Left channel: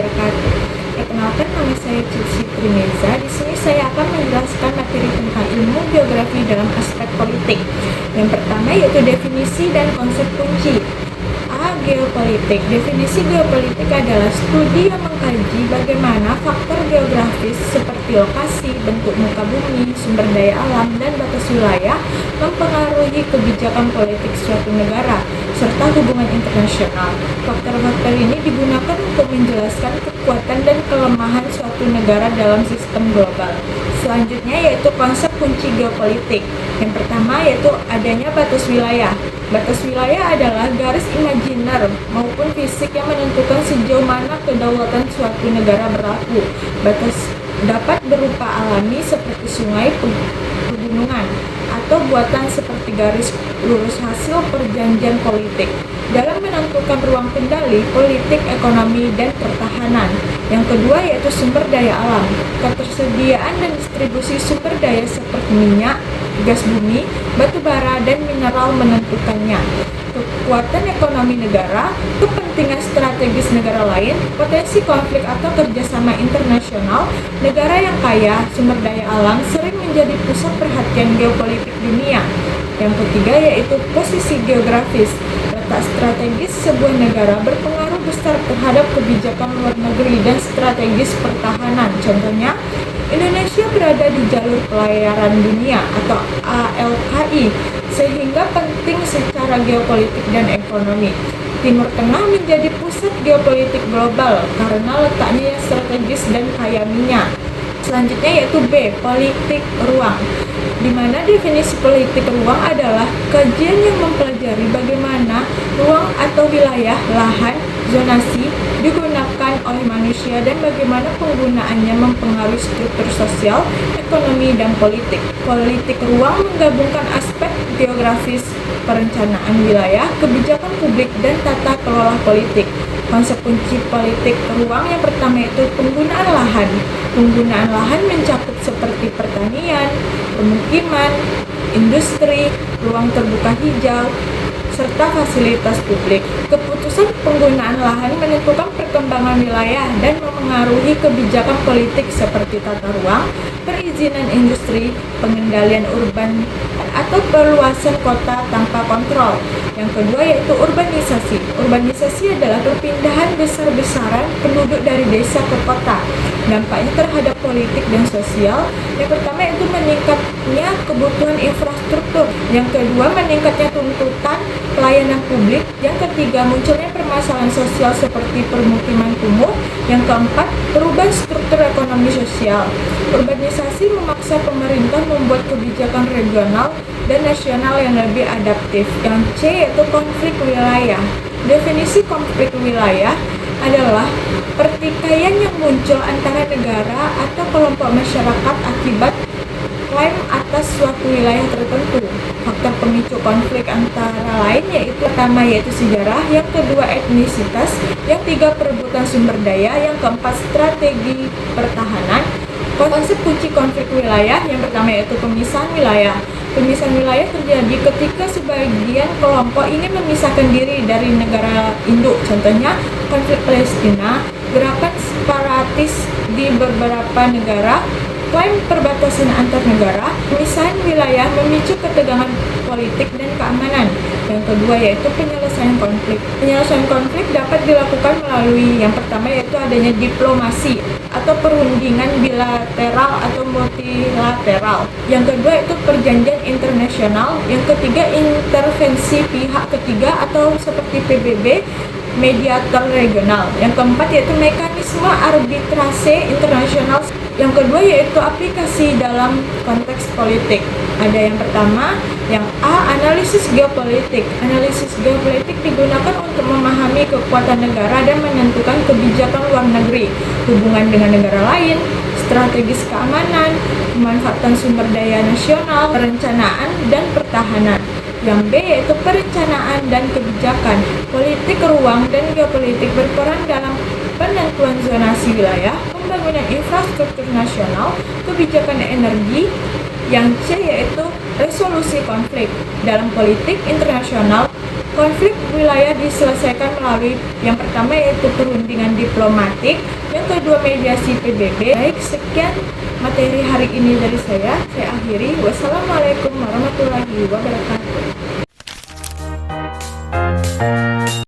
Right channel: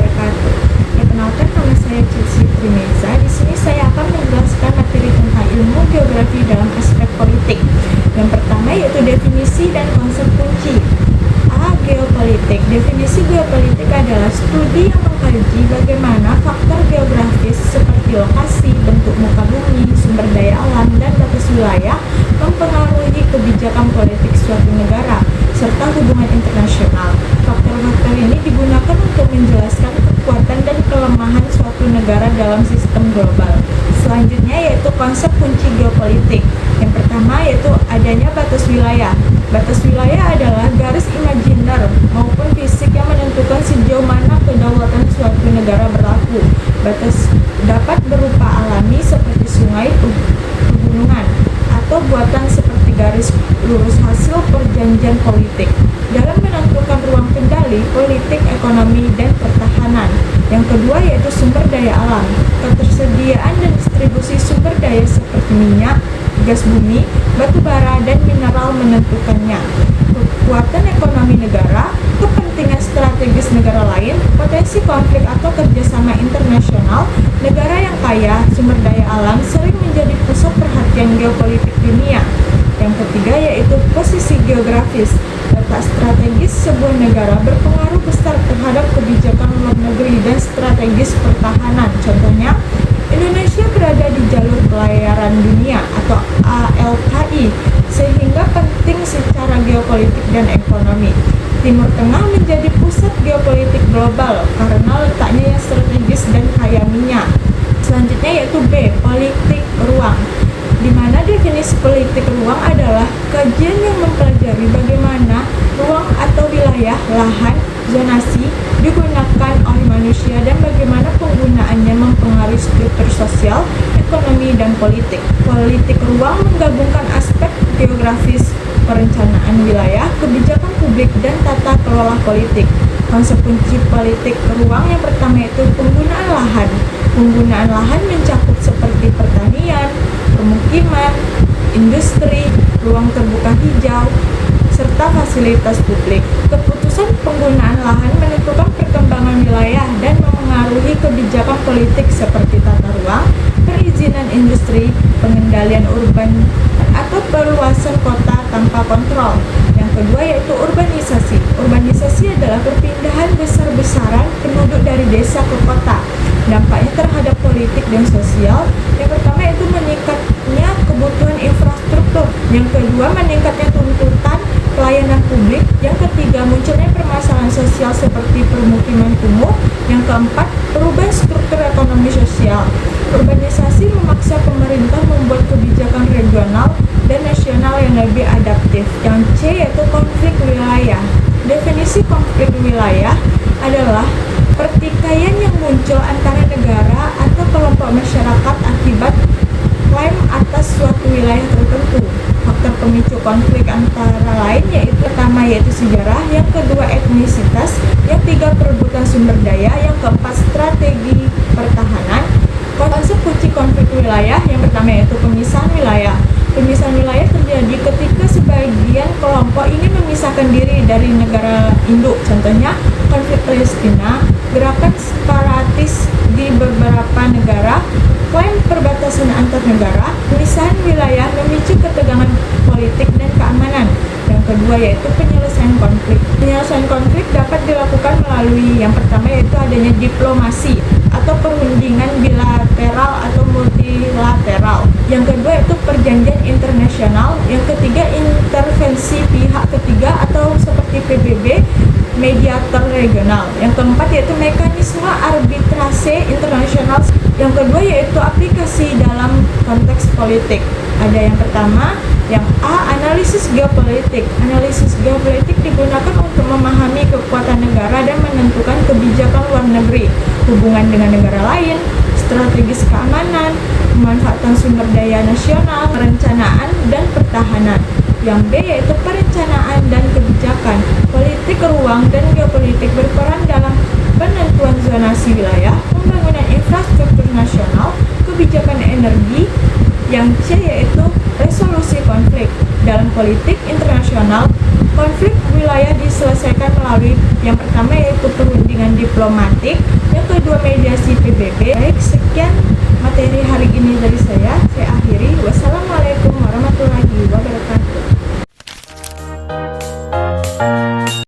wabarakatuh. Perkenalkan, nama saya Cici Trineza. Di sini saya akan menjelaskan materi tentang ilmu geografi dalam aspek politik. Yang pertama yaitu definisi dan konsep kunci. A. Geopolitik. Definisi geopolitik adalah studi yang mengkaji bagaimana faktor geografis seperti lokasi, bentuk muka bumi, sumber daya alam, dan batas wilayah mempengaruhi kebijakan politik suatu negara serta hubungan internasional. Faktor-faktor ini digunakan untuk menjelaskan kekuatan dan kelemahan suatu negara dalam sistem global. Selanjutnya yaitu konsep kunci geopolitik. Yang pertama yaitu adanya batas wilayah. Batas wilayah adalah garis imajiner maupun fisik yang menentukan sejauh mana kedaulatan suatu negara berlaku. Batas dapat berupa alami seperti sungai, pegunungan, atau buatan seperti garis lurus hasil perjanjian politik. Dalam menentukan ruang kendali, politik, ekonomi, dan pertahanan. Yang kedua yaitu sumber daya alam. Ketersediaan dan distribusi sumber daya seperti minyak, gas bumi, batu bara, dan mineral menentukannya. Kekuatan ekonomi negara, kepentingan strategis negara lain, potensi konflik atau kerjasama internasional. Negara yang kaya sumber daya alam sering menjadi pusat perhatian geopolitik dunia. Yang ketiga yaitu posisi geografis. Letak strategis sebuah negara berpengaruh besar terhadap kebijakan luar negeri dan strategis pertahanan. Contohnya, Indonesia berada di jalur pelayaran dunia atau ALKI, sehingga penting secara geopolitik dan ekonomi. Timur Tengah menjadi pusat geopolitik global karena letaknya yang strategis dan kaya minyak. Selanjutnya yaitu B. Politik ruang, di mana definisi politik ruang adalah kajian yang mempelajari bagaimana ruang atau wilayah, lahan, zonasi digunakan oleh manusia dan bagaimana penggunaannya mempengaruhi struktur sosial, ekonomi, dan politik. Politik ruang menggabungkan aspek geografis, perencanaan wilayah, kebijakan publik, dan tata kelola politik. Konsep kunci politik ruang yang pertama yaitu penggunaan lahan. Penggunaan lahan mencakup seperti pertanian, permukiman, industri, ruang terbuka hijau, serta fasilitas publik. Keputusan penggunaan lahan menentukan perkembangan wilayah dan memengaruhi kebijakan politik seperti tata ruang, perizinan industri, pengendalian urban, atau perluasan kota tanpa kontrol. Yang kedua yaitu urbanisasi. Urbanisasi adalah perpindahan besar-besaran penduduk dari desa ke kota. Dampaknya terhadap politik dan sosial. Yang pertama yaitu meningkatnya kebutuhan infrastruktur. Yang kedua meningkatnya tuntutan pelayanan publik. Yang ketiga munculnya permasalahan sosial seperti permukiman kumuh. Yang keempat perubahan struktur ekonomi sosial. Urbanisasi memaksa pemerintah membuat kebijakan regional dan nasional yang lebih adaptif. Yang C yaitu konflik wilayah. Definisi konflik wilayah adalah pertikaian yang muncul antara negara atau kelompok masyarakat akibat klaim atas suatu wilayah tertentu. Faktor pemicu konflik antara lain yaitu pertama yaitu sejarah, yang kedua etnisitas, yang tiga perebutan sumber daya, yang keempat strategi pertahanan. Konsep kunci konflik wilayah yang pertama yaitu pemisahan wilayah. Pemisahan wilayah terjadi ketika sebagian kelompok ingin memisahkan diri dari negara induk. Contohnya konflik Palestina, gerakan separatis di beberapa negara, klaim perbatasan antar negara. Pemisahan wilayah memicu ketegangan politik dan keamanan. Yang kedua yaitu penyelesaian konflik. Penyelesaian konflik dapat dilakukan melalui yang pertama yaitu adanya diplomasi atau perundingan bilateral atau multilateral. Yang kedua yaitu perjanjian internasional. Yang ketiga intervensi pihak ketiga atau seperti PBB, mediator regional. Yang keempat yaitu mekanisme arbitrase internasional. Yang kedua yaitu aplikasi dalam konteks politik. Ada yang pertama, yang A, analisis geopolitik. Analisis geopolitik digunakan untuk memahami kekuatan negara dan menentukan kebijakan luar negeri, hubungan dengan negara lain, strategis keamanan, pemanfaatan sumber daya nasional, perencanaan, dan pertahanan. Yang B yaitu perencanaan dan kebijakan. Politik ruang dan geopolitik berperan dalam penentuan zonasi wilayah, pembangunan infrastruktur nasional, kebijakan energi. Yang C yaitu resolusi konflik. Dalam politik internasional, Konflik wilayah diselesaikan melalui yang pertama yaitu perundingan diplomatik, yang kedua mediasi PBB. Baik, sekian materi hari ini dari saya akhiri. Wassalamualaikum warahmatullahi wabarakatuh.